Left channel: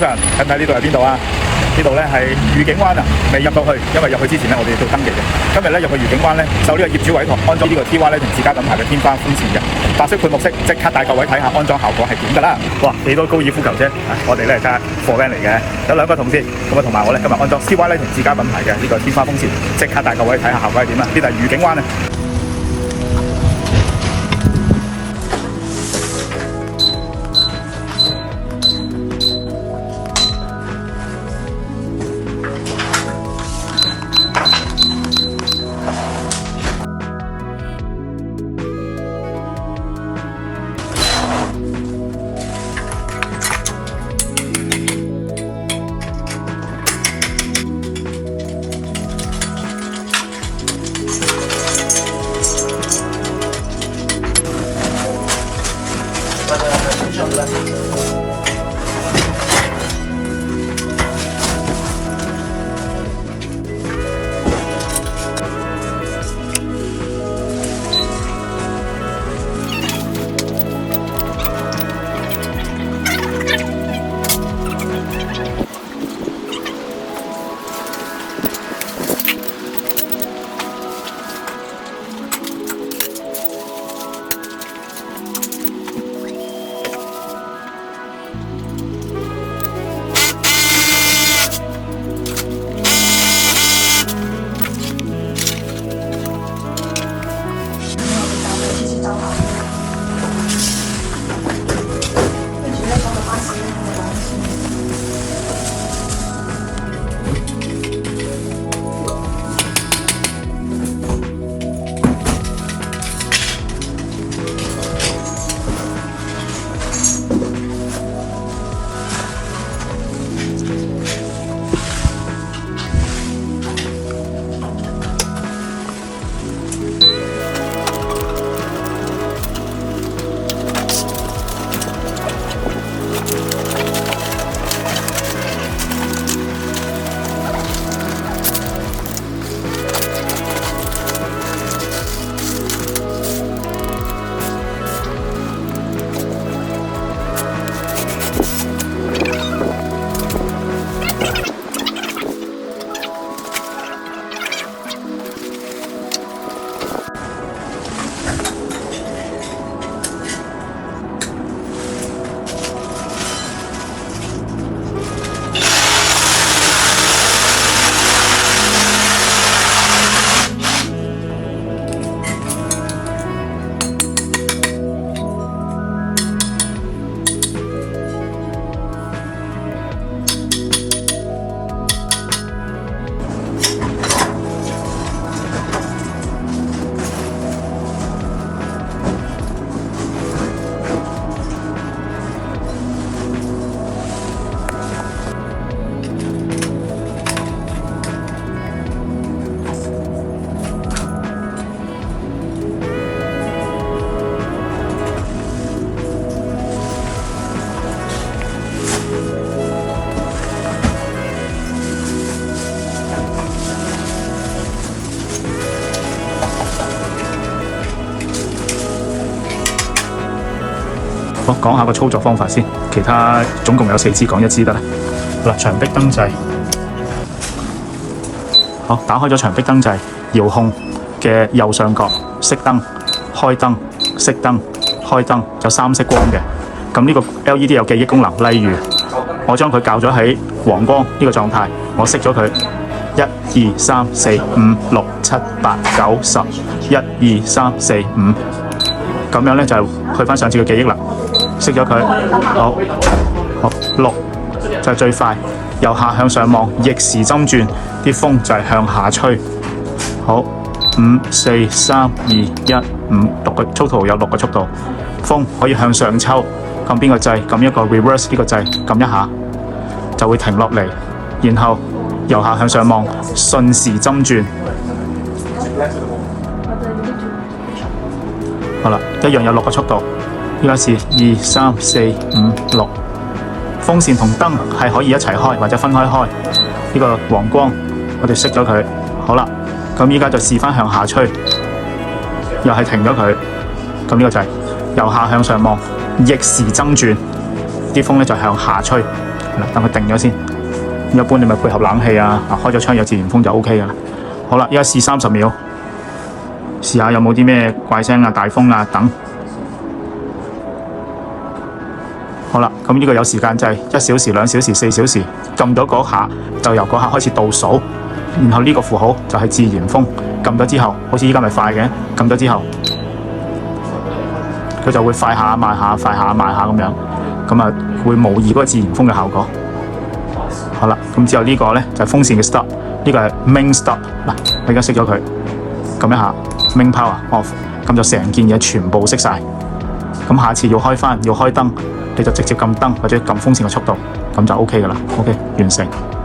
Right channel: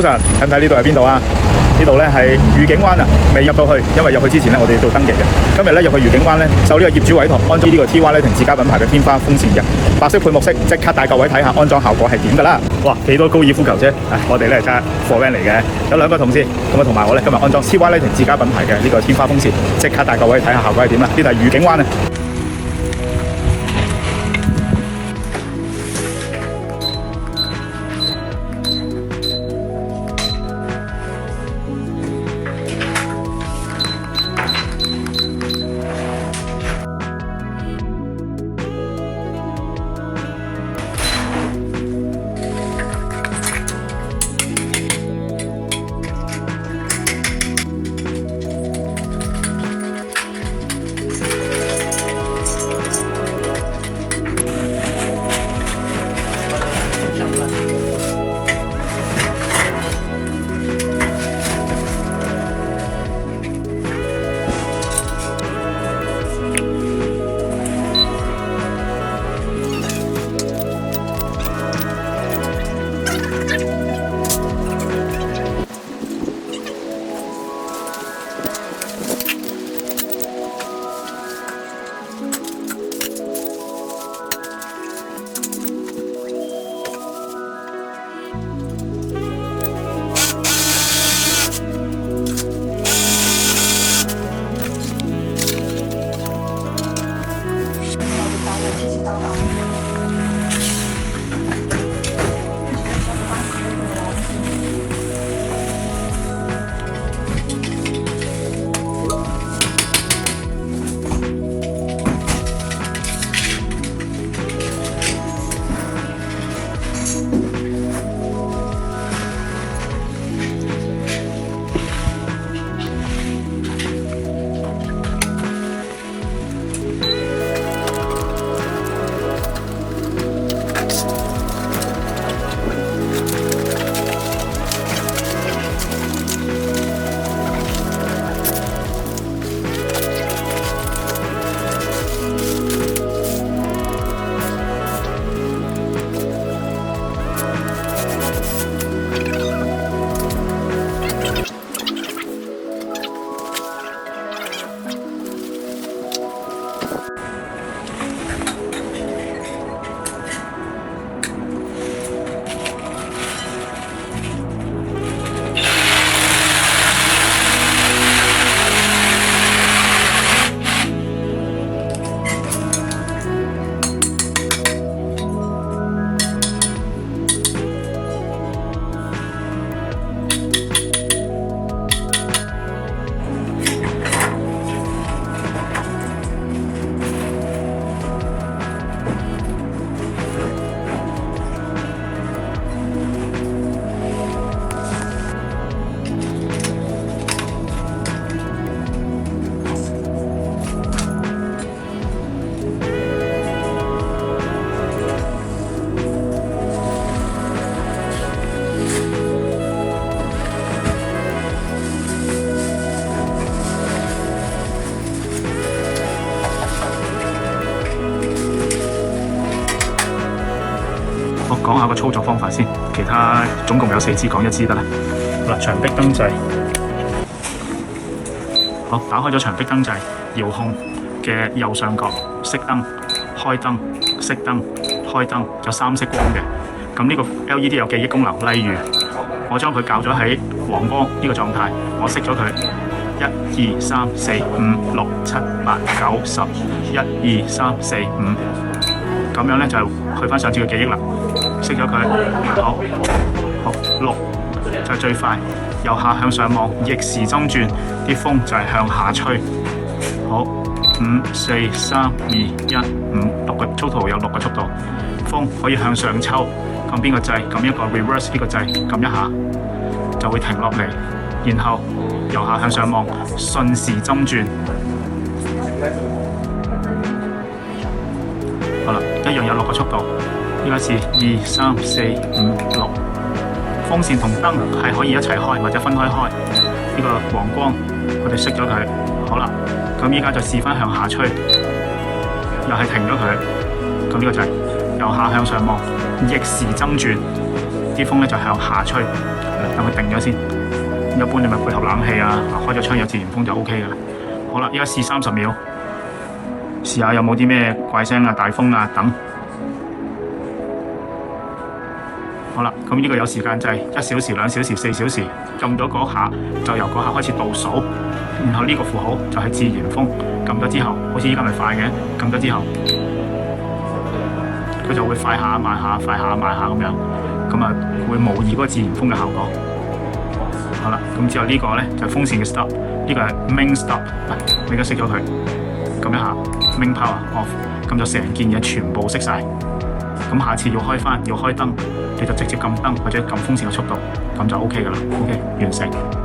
早晨，睇唔睇呢度係邊度啊？呢度咧係愉景灣啊，未入到去，因為入去之前咧我哋要做登記嘅。今日咧入去愉景灣咧，受呢個業主委託安裝呢個 TYL 同自家品牌嘅天花風扇嘅白色配木色，即刻帶各位睇下安裝效果係點㗎啦！哇，幾多高爾夫球啫！我哋咧睇下貨 van 嚟嘅，有兩個同事，咁啊同埋我咧今日安裝 TYL 同自家品牌嘅呢個天花風扇，即刻帶各位睇下效果係點啦！呢度係愉景灣啊！我講下個操作方法先，其他總共有4支，講1支得啦。嗱，牆壁燈掣，好，打開咗牆壁燈掣，遙控嘅右上角熄燈、開燈、熄燈、開燈，有3色光嘅。咁呢個 LED 有記憶功能，例如我將佢校咗喺黃光呢個狀態，我熄咗佢1、2、3、4、5、6、7、8、9、10，1、2、3、4、5，咁樣咧就去翻上次嘅記憶啦。熄咗佢，好6就係最快，由下向上望，逆時針轉，啲風就係向下吹。好，5、4、3、2、1、5，6個粗圖有6個速度，風可以向上抽，撳邊個掣？撳一個 reverse 呢個掣，撳一下就會停落嚟，然後由下向上望，順時針轉。好啦，一樣有6個速度。依家是2、3、4、5、6，風扇同燈係可以一齊開或者分開開。呢個黃光我哋熄咗佢，好啦，咁依家就試翻向下吹，又係停咗佢。咁呢個就係由下向上望，逆時針轉，啲風咧就向下吹。等佢定咗先。一般你咪配合冷氣啊，開咗窗有自然風就 OK 噶啦。好啦，依家試30秒，試下有冇啲咩怪聲啊、大風啊等。好啦，咁呢個有時間掣，1小時、2小時、4小時，撳到嗰下就由嗰下開始倒數，然後呢個符號就係自然風，撳咗之後，好似依家咪快嘅，撳咗之後，佢就會快下慢下、快下慢下咁樣，咁啊會模擬嗰個自然風嘅效果。好啦，咁之後呢個咧就係風扇嘅 stop， 呢個係 main stop。嗱，我而家熄咗佢，撳一下 main power off， 咁就成件嘢全部熄晒。咁下次要開翻要開燈，你就直接撳燈或者撳風扇嘅速度，咁就 OK 噶啦。OK， 完成。